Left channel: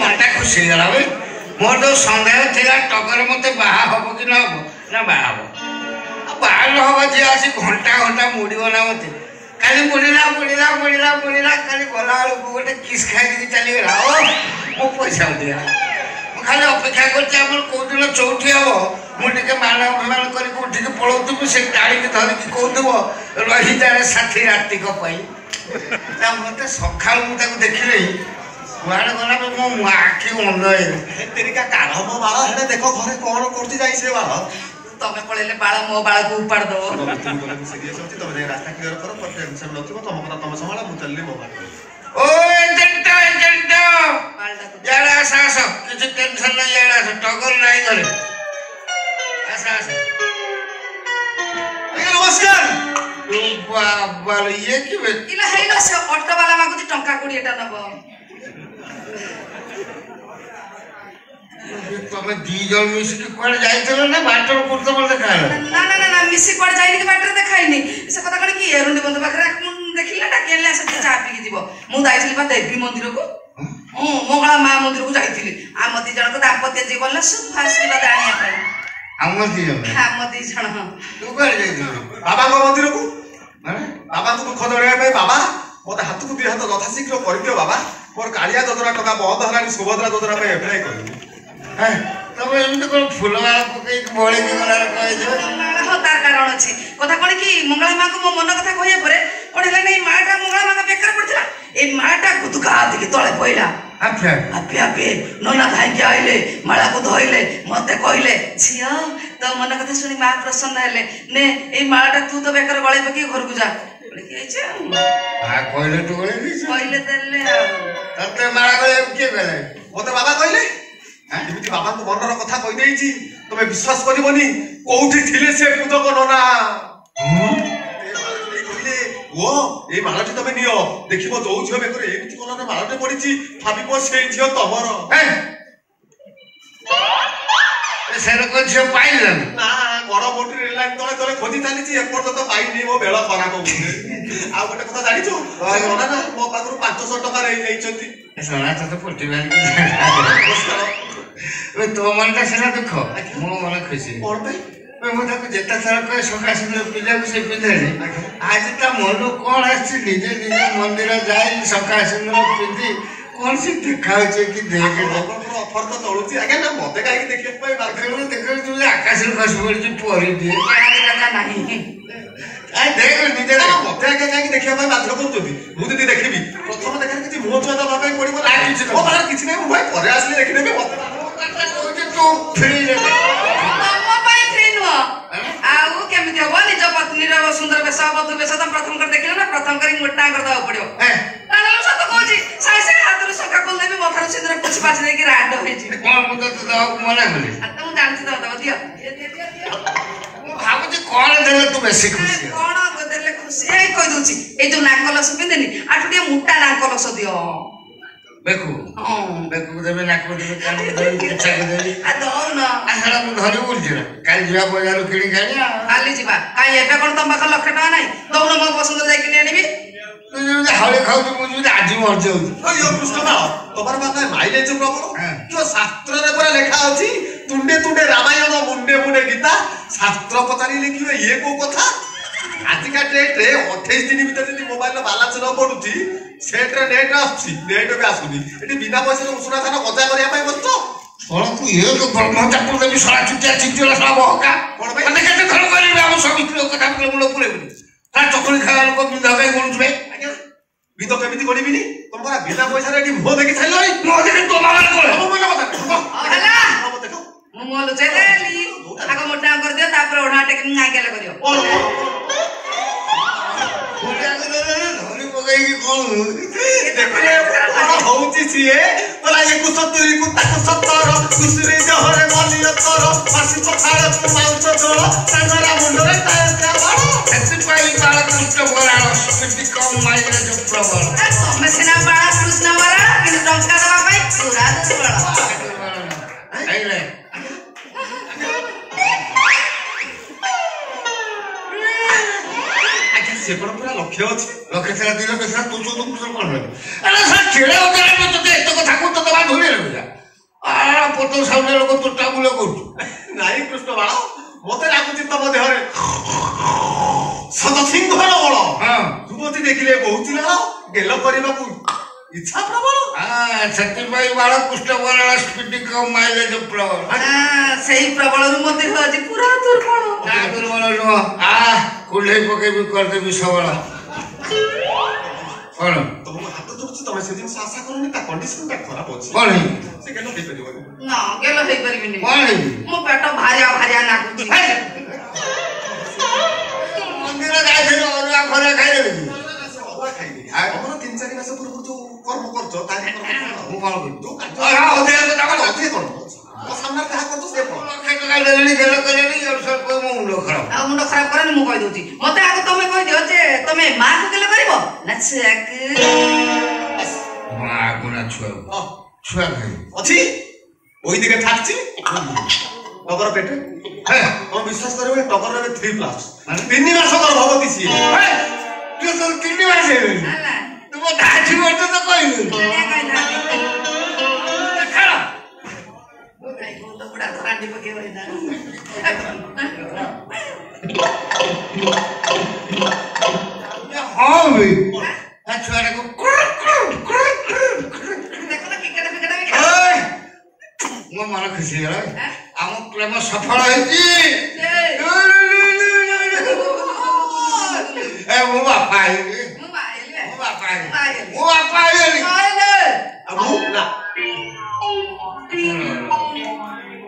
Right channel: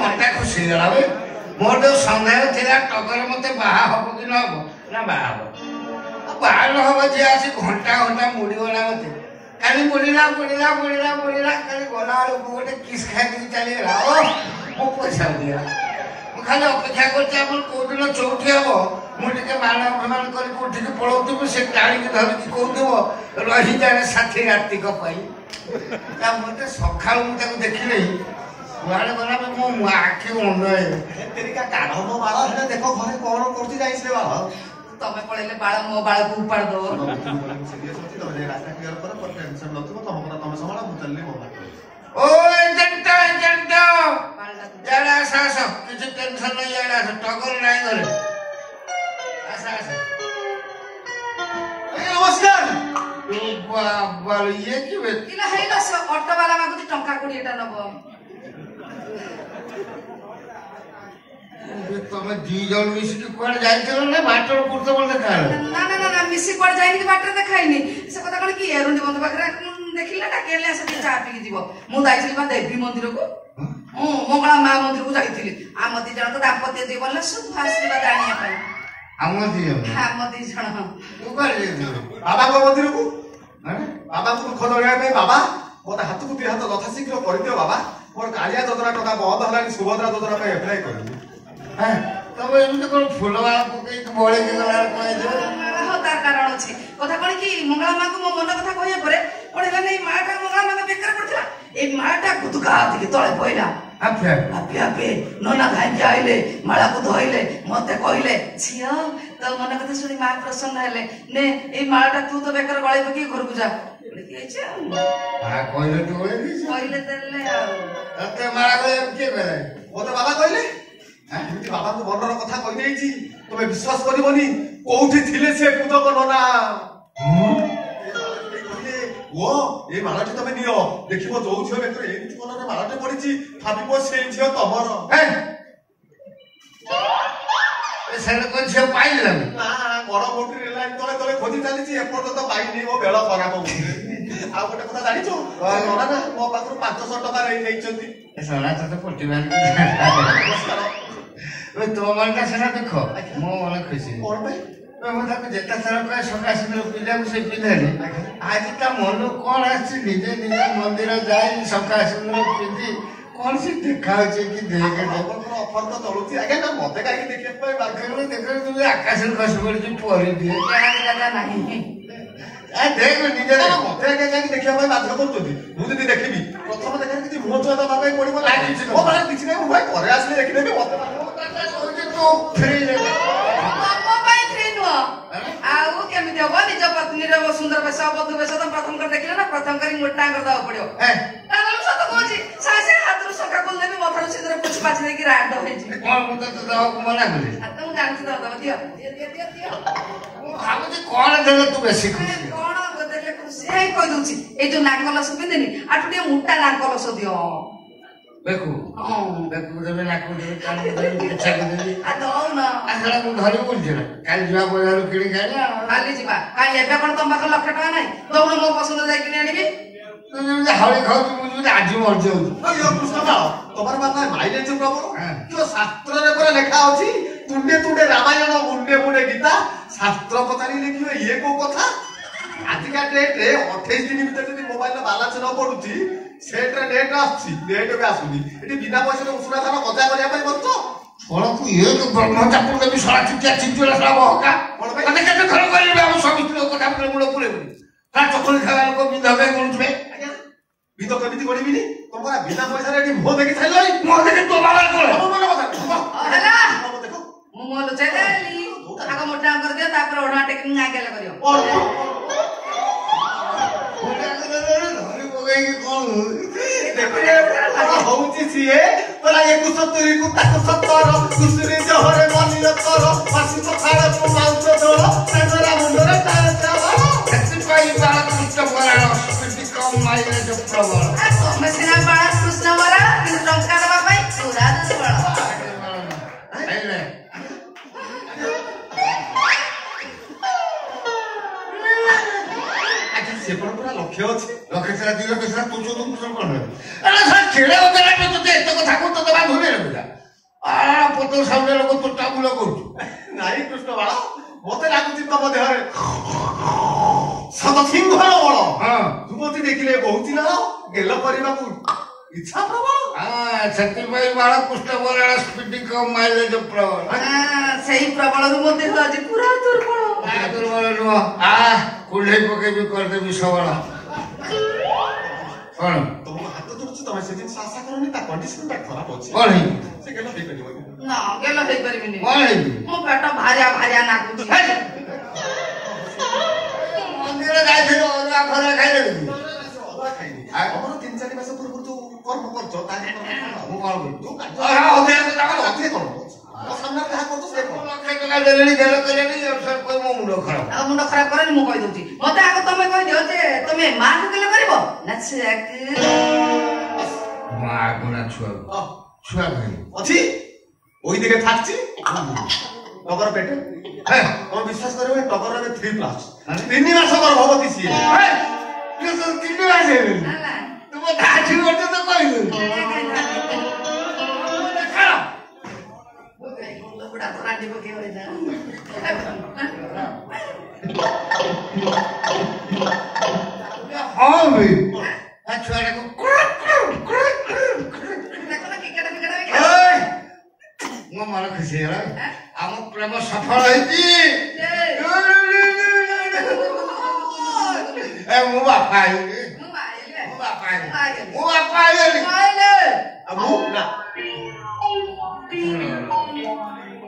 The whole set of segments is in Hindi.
मत खुशी गला भाई मोर जो सन्देह थिला टगर मते बाहा हबो कि न हबो ना बाहा हबो बाहा न हबो जे आसी घंटा घंटा मुड़ीबो ना मते खाली मुड़ीला खाली गला गोटे किस खाई के चली गला ओ मो पैसा दिया खाली अपेक्षा करछि हमर कोदिन चौठी हबो मु टिके मान अभिमान करी उठी के पळौतु से गाड़ी के धरि के कहउतबो रही जाए साथी राति को पई ता मते सखाल मु ताको देखिले कुआड़े गला मो आखि अनय तेरी का कान मो बाळ हेने देखो घरे कोन करती जाई से बाळ तमे पळेले बाळ मो बाळ को उपाड़ दो सीरियस होती तमे रास्ता क्लियर करो पर टेंशन नथिबो तम पता तम संभाला मु चलली मो बाळ ओ एजेंट यार आसा सब किछ टेंशन नहीं यार आसा टगर नहीं करे आसा नमस्कार बाबा ये कि इला हेलो से ऑटो वाला मागुती टंका 20 टा नबो तमे दी जण मिस के कोड जाइतलो ना बाटर पुरतो बोल देखा ना मिसी कोड जाइनी कि बाटर देखाइनी से पता कण कि एरुंडी बंद पाखरे देखिला ना केले से चा पी के जीवो मु दाइछली बा देवी मंदिर को मंगला मां मंदिर को जाइथिली आमती जण को दाम्पत्य जीवन ले शुभ आशीर्वाद आनिया पाई आमती जण तू कर जे बाबा को मंदिर को माने बाबा को खदरिया पे बाबा मोते हाथ को दि हाथ लथा शीघ्र कर दियो बाबा मोर कालिया जोजरा टका बहुत हलानी सुभद्रा जोजरा पे अप्लाई कर हां तब एमते कोन फुलवाला पकई के बोले के गला कहि दे हो तार कारण अछि कथा कोन कि मंगला मां को मो मन कथा कहिया परे कोन हेला नै माटा मंगला मां का बेकर पड़थिला ए माटा गुदका दिके तळे पइला आपे नोना भाई के आइले माला को धइले मते कहिले छिया तो मन कथा सुनी मां प्रसन्न हेले ने ए मालाटा तू तो बेकर गळे पकी घर को जा बोले कि आइछ आ कहिले तू गळे दिस कहिले देले तते माला गळे के गले मोते बाबा कहिले एमिति बाबा को मनर कथा कहि देइछि तमे विश्वास करबोनी कोउठी थिले से पूजक नोना वो ए मालाटी तमे नियो देखिबो जो झियो बेकर एमिति कलर मालाटे पडिछि भाबिबो सेई झियो तमर ए सेर कोन झियो पाइलन ना बड़ बोटी रेलाइन तळे तळे खोजी चालिछि एपर तो पाइनी मो बेला खराब हो आ गोटे कथा जानिछु नोना ना मो पाखरु 500 टका रे जाइछंती सोना तो पुटिबान ए तो मनटा सेना देखो मो मन खुशी कोन भाई मैं ताको जेता सारा कहे सका सुंदर पिला को से पिधे आज ता मन कोन आछि निजे निजे मंदिर जाई सका सुंदर पिधि कोन से देखा छै कि देखे ऑफर तो तळुची आगे ना मते काई देखले पई बाखरे देखो तू आकाश खस पड़ी परी दिए केना लगा नाही आ देख निजे ना मते आगे जाई देखिया पई बाध्य करतोती मु जदी देखिबी प्रथम देखा कि मोह चोदा बाबा पड़िबो ना किछि नै मु घरे आसली देखिदेबी मते तू फ्री रे आउ केमिति हो निज पत्नी रो सुंदर बेसा बधु बेसा त प्रथम कर देखिला ना प्रथम करी मोटा कर दवा पड़ियो तानलो सत कहूची सासे हातरो सका कोल देबी मथर सिंदर कुछ पाछ नै कि राड होइची कोन मु तो दवा को मना करी आ तू जानछि दवा दियो भाबु जे कोन देले तू बेसी खुशी कोन देले खुशी ए कहि दोची ए जो नाकलस पिंदेनी आठुटे मोटा नाकलस दियो बेकु बेकु देबे नाको देबे कान देबे इच्छा को देबे आ दो ना आसला मु धरि बोलछि ना काल जिवा बजार किणी खाली खाली जिबा काई एबे कोन तम बाख लक्ष टका नाही दौन मो पसंद जाई किनी आनिबी तू जे हाळे खाउ तू मु जे आजि मर जाउ यो कृष्ण बा तोमर बाका माइलेज प्रबल जो शास्त्र रे पर लेखा अछि तुंडे तुंडे रामायण मुंडे मुंडे गीता शास्त्र पतारी लिखियो ये को कथा आजि का डेट रे 28 दिन भीतर जदी मोबाइल बैलेंस न पडुची सेट रे नेट आछि नेट बे आसुनी एटी बिना पैसा उषुना थाना कजा करिया पई बसतो कोन तू ये तो ब्रह्मचापुर देबी सरा चुटिया चिंचुला सरा बहका माने केते खल करिबे हम समिति लोक कथा बोले मुलो पुरे बुनी ता चकली खावा लोक बिधा गई कोनछबे आज्ञा बितो केमिति करिबिनी तमरा बिना पैसा रे एटी मुह देखि छाइलई मुह देखि तो बाबा कोले हम मन कथा हला देखो मु मोलो चेदेली आगो मोटा कर दियो तापर ओढा टेक आगेले करियो होउची छिए बोला 170 को 70 कुसरी जहरे मलियो तोर फासी पखाड़ को माउच जोड़ तांगरा मुंडरे ताया बाड़ एते पाई बाला कृष्ण बराळ स्पिति कम माइले जो प्रबल मैं सेना बाड़ा कृष्ण बराळ कि टंका दवा पाई पूरा बड़ा आइले आके से पूरा ଲକ୍ଷ୍ୟ ଅଛି ଲକ୍ଷେ ଥିଲା 2 ଲକ୍ଷ ଥିଲା ତୁ 14 ପୁତ୍ର କଣ ହେଲେ ଆରେ ସାର୍ ଛେଳେ ଅଦରା ତତେ ଏତେ କଥା କହୁ ତତେ ବା ଧୁରେ ରଖିଲା ପତ୍ର ସାଉଣ୍ଡ ଲୋକ ତୋଟା ବୁଲ କରୁଛୁ ନାଇଁ କୃଷ୍ଣ ବାଳ ମତେ ଲାଗୁଛି ତମ ଦେହରେ ସତସିଂହର ବଳ ଯୁବତୀ ଦେଖିଲେ ବହୁତ ଲାଳ ଗେଲ କରିବାକୁ ଇଚ୍ଛା ପ୍ରବଳ ସେଥିପାଇଁ ବାଳ କୁଷ୍ଠ ବରାଳ ସ୍ପିଡି କମ୍ ମାଇଲେଜ ପ୍ରବଳ ସେଇ ପ୍ରବଳରୁ ମୋ ଦେହ ଆଜି ପୁରା ଦୁର୍ବଳ ଦୁର୍ବଳ ନୁହଁ କୁଣ୍ଢେଇ ପକେଇବି କରିଦେବି ସବଳ କଣ ତମକୁ ହାତ ଯୋଡୁଛି ତମେ ସେ ଜିନିଷ ଆଶା କରନି ତା କଣ୍ଡିସନଟା ଖରାପ ଅଛି କଣ ହେଇ ସେ ଗେଲ ହେଇପାରିବନି ନା ଗେଲ ହେଇପାରିବିନି କଣ ହେଇଛି ମୋ ପେଟ ଭାରିଆ ଭାରିଆ ନାଗୁଛି ମନ୍ଦିର ଯାଇଥିଲୁ ଅରୁଆ ଖରା ଖାଇଦେବି ଆମର 3-4 ମାସ ପୂର୍ବରୁ ଯୋଉ କର୍ମ କରୁଛ ତାହା ମୁଁ କଣ କରିବି ଯୋଉ କାର୍ଯ୍ୟ କଣ ସାମ୍ନାରେ ଯାହା କରୁଛ ସେ କଣ ଲକ୍ଷେ ଟଙ୍କା ଦେଲେଣି ଗେଲ କଲେଣି ମୋ ମୁଣ୍ଡ ଖରାପ ଆଉ ମୁଣ୍ଡ ଖରାପ କରେନି ମୁଁ କହିଦଉଛି ମତେ ଆଗ ତମେ କହିଦିଅ ଯେ ତମେ ମାକୁ ଗେଲ କରିବ ନା ଛୁଆକୁ ମା ଗୁଣା ଛୁଆ ଛୁଆ ଖାଇ ଅଛି ওই দিকে থাকছি টগর পেটে হ্যাঁ তুমি বিশ্বাস করবে টগর রে 3+ মানে 3 মাস গর্ভবতী ছিল তুই তো 3 মাস হেলি আলা তুমি দাঁড়ি মতো তো কইলি খাও ওই বন্ধ বুড়া ধরান্ডি পকে হই না হ্যাঁ বে ছুয়াটা ମୋ ମନ ଖୁସି ହେଇଗଲା ଆମ ପ୍ରେମ ସଫଳ ହେଇଛି ମୋ ବାପା ହେଇଗଲି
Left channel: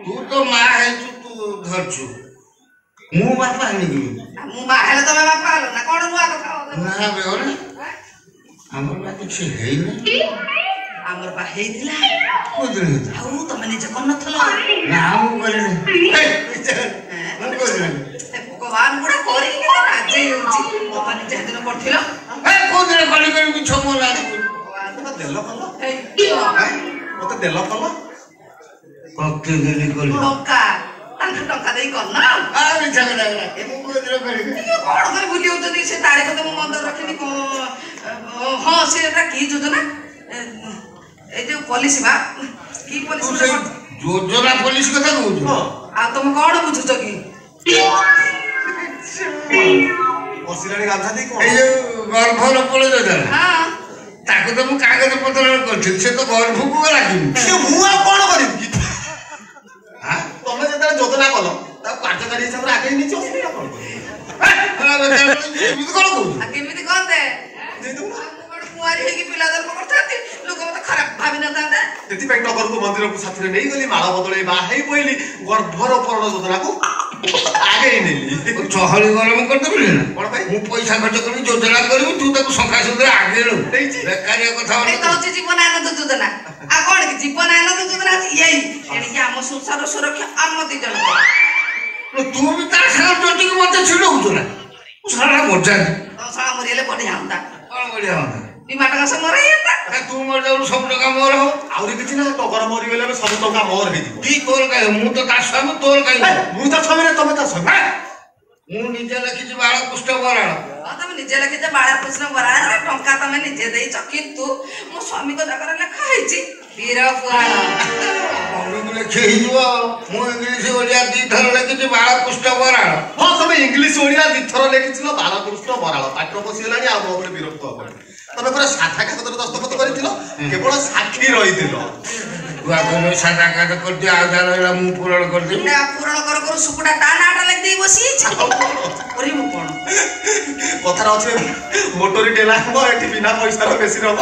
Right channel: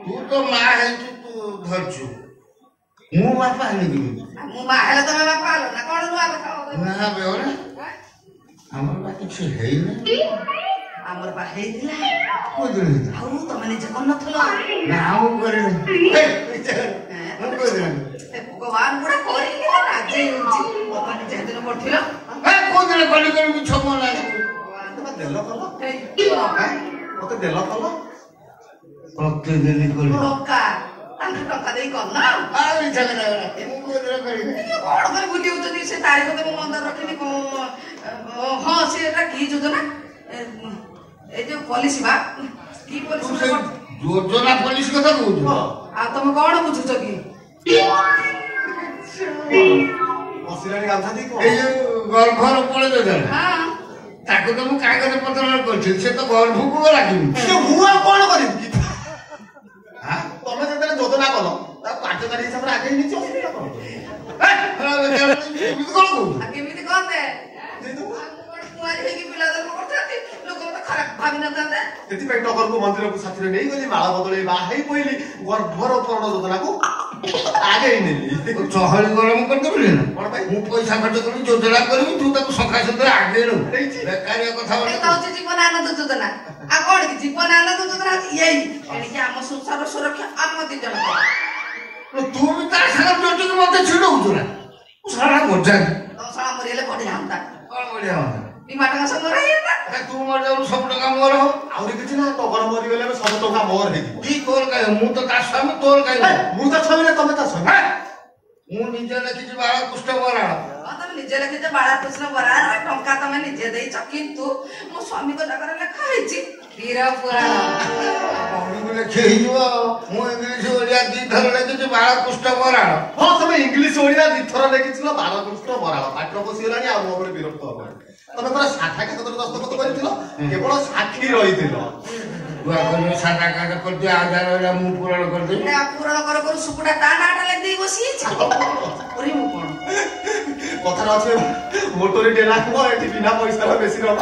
ତୁ ତ ମା ହେଇଛୁ ତୁ ଧରଛୁ ମୁଁ ବାପା ହେଇଗଲି ମୁଁ ମା ହେଲେ ତମେ ବାପା ହେଲ ନା କଣ ନୂଆ କଥା ନା ବେହରା ଆମର ବା କିଛି ହେଇନି ଆମର ବା ହେଇଥିଲା କୋଉଦିନ ହେଇଥିଲା ଆଉ ତମେ ନିଜେ କରିନଥିଲ ନା ମୁଁ କରିନି ମୁଁ କରିନି ଭଗବାନ ଗୁଡା କରିକି ରାଜି ହେଉଛି ତମେ ନିଜେ ସେଦିନ କରିଥିଲ କୋଉଦିନ କଲି କରି ମିଛ ମୋ ଲାଗି ମତେ ଦେଲ କଲ ମତେ ଦେଲ କଲ ପ୍ରତିଦିନ କଲି ଟଙ୍କା ତାଙ୍କୁ ଟଙ୍କା ଦେଇ କର ନା ମିଛ କଥା ମୁଁ କୋଉଦିନ କରିବି କଣ କରି ଭୁଲି ଯାଉଛନ୍ତି ସେ ତାରିଖ ତ ମୁଁ ମନ୍ଦ ରଖିନି ହଁ ସେଟା କି ଯୋଜନା এই যে পলিসি বা কি পলিসি যোজনা পলিসি কথা কହୁଛୁ ଆଉ ତମେ କଣ ବୁଝୁଛ କି ବସିଲାଣି ଗାମଛା ଦେଇ କଣ ଏଇ ଯୋଉ ଗର୍ଭର ପଳ ଯୋଜନା ହଁ ତାକୁ ତ ମୁଁ କାଗଜ ପତ୍ର କରିଥିଲି ସେ ତ ଗର୍ଭକୁ ଲାଗିନି ସେ ମୁଁ ଆଉ କଣ କରିବି ତମେ ଯେତେବେଳେ ଯୋଜନା କଲ ତାକୁ କାର୍ଯ୍ୟକାରୀ ହିସାବରେ ଆଗେଇ ନେଇଛ ଅସୁବିଧା କଣ ଏମିତି କଣ କହୁଛୁ କେମିତି କଣ ଦେ କୁଆରୀ ହେଇକି ପିଲା ଜନ୍ମ କରିଥାନ୍ତି ଲୋକ ମତେ ଖରାପ ଭାବି ନଥାନ୍ତେ ସେଥିପାଇଁ ଟଗରକୁ ମନ୍ଦିରକୁ ସାଥିରେ ନେଇଗଲି ମାଳ ବଦଳେଇ ବାହା ହେଇ ପଇଲି ଗର୍ଭରୋପଣ ଯୋଜନାକୁ ଆଗେଇ ନେଲି ଚହଳି ଗରମ କରିଦେବି ନା କଣ ପାଇଁ ମୁଁ ପଇସା ଖର୍ଚ୍ଚ କରିବି ଯୋଜନା କରିବି ତୁ ତାକୁ ଶଙ୍ଖା ସୁନ୍ଦର ଆଗେଇ ନେବୁ ବେକାରିଆ କଥା ଏଇଟା ହଉଛି ଜୀବନ ଆନନ୍ଦ ଯୋଜନା ଆଉ କଣ କି ଜୀବନ ଆନନ୍ଦ ଯୋଜନା ହଉଛି ଏଇ ଏଣିକି ଆମ ସଂସାର ସୁରକ୍ଷା ଆମ ଦି ଜଣ ତୁ ବି ତା ସାଙ୍ଗରେ ଜଟିକି ମତେ ଛିଡଉଛୁ ନା ମୁଁ ସାରା ମଜା ତମ ସାରା ମରିଗଲେ ବଢିଆ ହୁଅନ୍ତା କଣ ବଢିଆ ହୁଅନ୍ତା 2 ଟଙ୍କା ସବୁ ମରିଯାନ୍ତା ତୁ ମରିଯାଉଛୁ ସବୁ ଟଙ୍କା ମୋର ହଉ ଆହୁରି କିଛି ନା ଟଗର ମରିଗଲେ ସବୁ ଟଙ୍କା ମୋର ହେଇଯିବ କି ତୋର କାହିଁ ମୁଁ ତ ତା ସ୍ୱାମୀ ତୋର କାହିଁ ମୁଁ ତା ସ୍ୱାମୀ ନା ତମେ ତା ସ୍ୱାମୀ ମୁଁ ନିଜେ ଲେଖିଛି ବାଳ କୁଷ୍ଠ ବରାଳ ତମେ ନିଜେ ଲେଖିଛ ବାଳକୃଷ୍ଣ ବରାଳ ଟଙ୍କା ତମେ ନିଜେ ଦେଇଛ କିନ୍ତୁ ମୋ ସ୍ୱାମୀଙ୍କ ଜାଗାରେ ଲେଖା ହେଇଛି ବୀର ପୁରାଣ ଲେଖି ହେଇଯିବ ମୁଁ ଇଂଲିଶ ଓଡିଆ 2 ଥର ଲେଖିଛି ବାଳ କୁଷ୍ଠ ବରାଳ ହଁ ତମେ ଇଂଲିଶ ଓଡିଆ 2 ଥର ଲେଖିଥିଲ ବାଳକୃଷ୍ଣ ବରାଳ ପାଟିର ପଶିଗଲାଣି ଆଉ ମୋ ଉପରେ ବିରକ୍ତ ହବନି ତମେ ପୁରା ସାଧା କାଗଜରେ ଦସ୍ତଖତ କରିଥିଲ କେବଳ ସାକ୍ଷୀ ରହିଥିଲ ସାଧା କାଗଜ କରିଦିଅ ଆଉ ଯାହା ରହିଲା ମୁଁ ପୂରଣ କରିଦେବି ପୂରଣ କର କରୁ ସୁକୁଟା ତା ନାଁଟା ଲେଖିଦେଇ ବସିଯାଇଛି କରିବୁ କଣ କଥାରେ ଅଛି ମୋଟରୀ ଡେଲା ହବ ଏଠି ବିନା ପଇସାର ବେଶୀ ରହ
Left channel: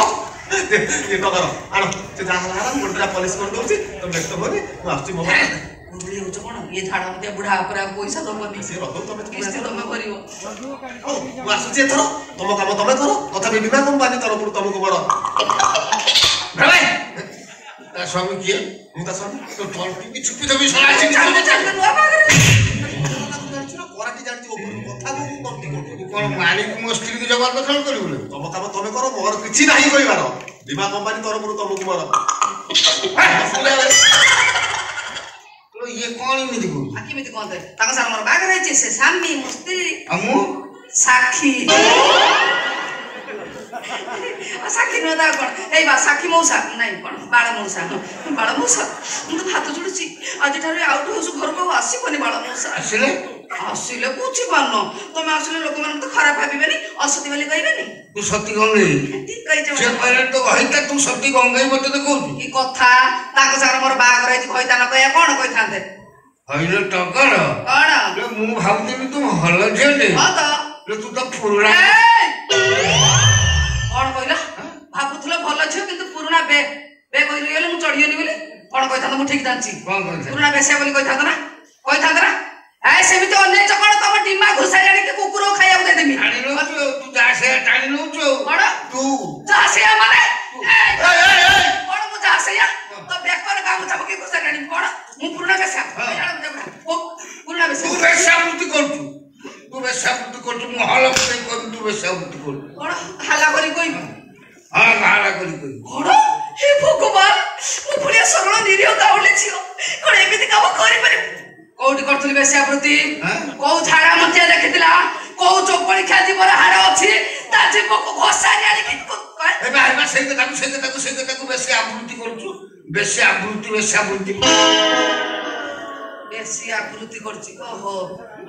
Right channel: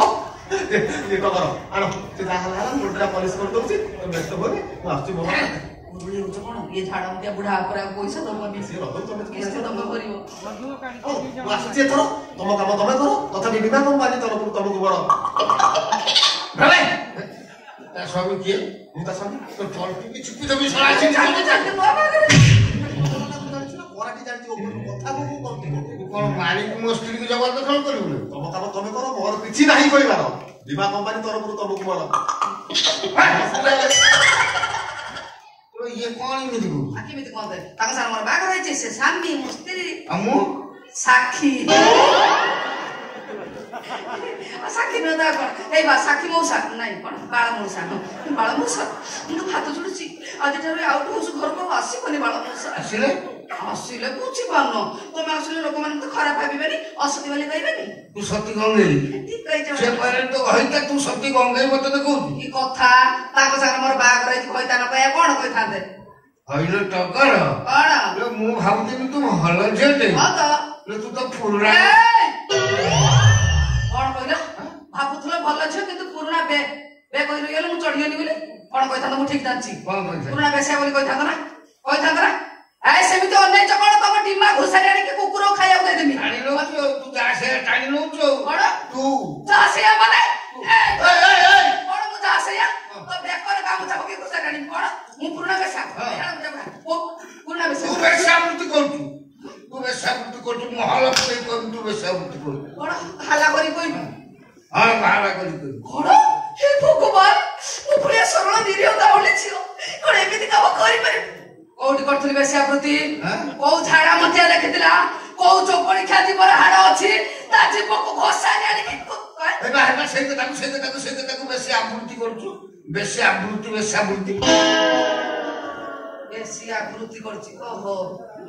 ये टगर आनो से जा हला हला मोटरा पॉलिश कर दउची तो व्यस्त होनी मु आछी मो गुरुली होछ कोन ये झाड़ा मते बुढ़ा पर पैसा दबनी से रदो तमे किस्ती तमे भरियो मु आछी एथरो तम काम तमे करो तथा बीमा कंपनी तरफ तुमको बड़ भाई ता सब किए मु ता सब तो फल की छुपी दबी सला छी चाल नुआ बागरे कोराटी जानती ऊपर कथा को करती कोन मालिक मो स्त्री की जवाब दखल करियो तम काम तमे करो मोर किछि नाही कइबार बीमा कंपनी तरफ तुमको बड़ तो ये कौन इमिति को आकी मिति कोन दे ताका सार मोर बागरे छै से सामी मुस्त्री हमु साखी साखी नुह ता कौन ए बा साखी मौसा नहीं कौन बाल मौसा मु तो हाथ जोड़ुची आज ठारे आउट हाउस घर को आसीबनी बाल मौसा आसिले बुझी पारन तुम आसिले लोक मन तो खराब भाबिबेनी असती वाली कहबेनी तू सती गंगई ठीक कहि छ से पहले तो कहिता तू सती गंगई मते देखौ की कथा ताको सागर मोर बागर है कहिता न कहया कोन कहिथांते हइलो टकर कोन रे मु भाबुनी तू हल जेते हां तो रे तू तो पुरुणा कोन कहला भाबुथलो भल छ किंतु पुरुणा बे कहि रहिले मु चढ़ियोनी बोली कोन कहिथांत मु ठीक जानछि कोन कहिथा पुरुणा बेसे बोली कहिथांत ना ए सेमिते अन्य चकण तम टीमा घुसा जानी के कुकुर खाइया दे देमी टाणी लो तू जा से टाणी लो कोन तू जा से माने ए कोन मु जा से तो बेकर काम छब के घुसा जानी कोन मु पुरुणा बेसा पुरुणा बेसा तू बेसाबुती करतु महल पे तू बेसाबुती कर कोन हाला करी कोई हां हाला करी कोन हे भगवान मु पुलिया सरळ निरियो गाउली छियो कोन एमिति काम करि पारे कोठी करथुली बेसाबुती को झाड़ा मतिया देखितिला को चोकड़ी खादी पर हाड़ अछि ता जीव को घोसा जानी कि ए बा से के बेसाबुती करछु बेसाबुती बेसी आकृति करछि ओहो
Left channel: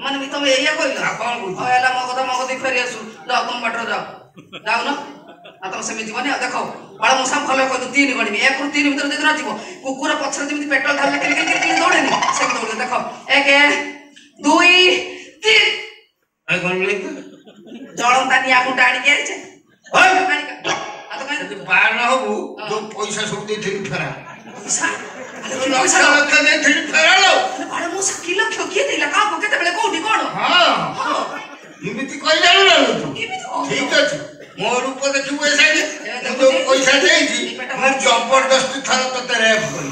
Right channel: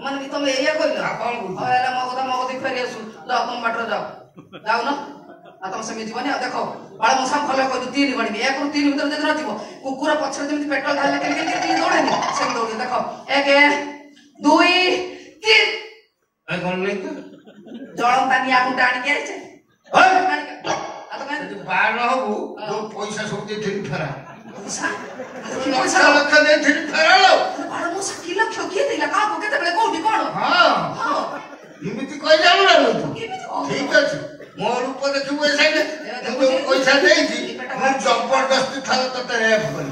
मन भी तुम एया कइलो कोन बुझ एला मगदी फेरी आसु जाओ तुम बाटर जाओ न आ तुम सेमि जीवन देखो बाळ मौसम फलो कहि 3 गणिबी 1 रु 3 भीतर जदि न जीव कुकुर पछरे जेमि पेट्रोल ढाल के दौड़ेनी से दौड़ देखो 1 2 3 ए गणले जळंता निया कुंटा आनी के आइछे आ तो कहि बाल हबु तो पैसा सब दे थी फेरा पैसा लक्ष दे थी फेरा लो बाळ मौसम कि लक्ष के देला का को केते बेले कोठी कोन हां इमिति कहि जानो ना तू ठीक अछि मोर ऊपर देखिबो ए साइड जो पैसा देइछि मु जबरदस्ती थाल तते रेप करी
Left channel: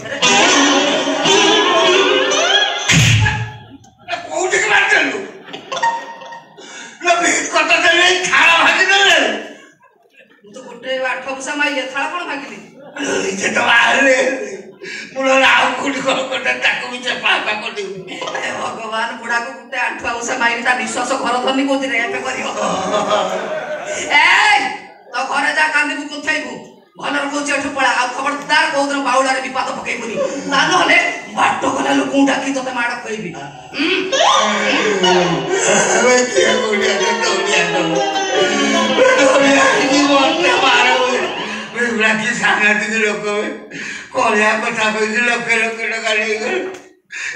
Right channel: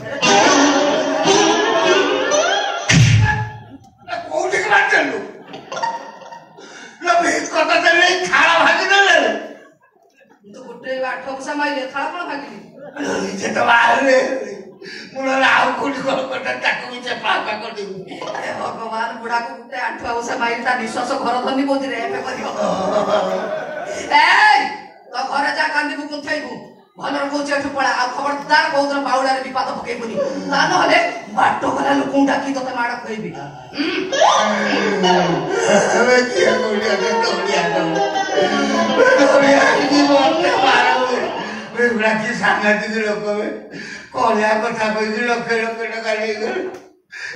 कोठी के बात चलू लो भीत कत देले थाला भागी देले तो गुटे 8 पैसा माइले थाला कोन भागिली जे तो आले मुला आउ कोठी को कत ताको विचे पापा कोठी अरे भगवान बुढ़ा को गुटे 8 पैसा माइली ता विश्वास घर धनी कोति रेप करियो ए तो घरे जा कांदी को थैबू भलर को चेठ पड़ा आ खबरदार कोदर बाउडा रे विपाद पकई पुनी ता न हले बाटो गला लोक डाकी तते माड कहबी अबे के गोलिया की बोलते मारो मैं ब्लाकी सांगाती के लोक में कोलिया कथा कहि लोक टका ले गल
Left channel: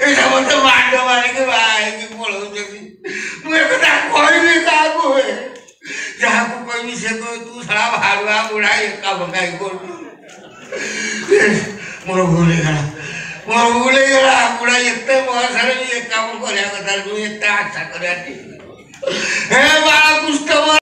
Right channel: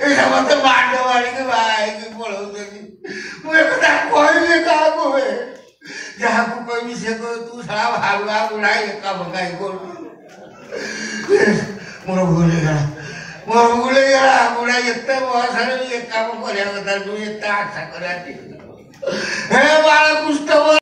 ए सब तो मांडो वाले के भाई की बोलो जकी मैं कथा कहबी का को है जहाँ को कोई से को तू सारा भागवा बुढ़ा एक का बंगाई को मोर भूले गला बुढ़ा इतने बहुत सारे भी एक काम करया कथा तू इतना अच्छा करया हे बाला कुछ तो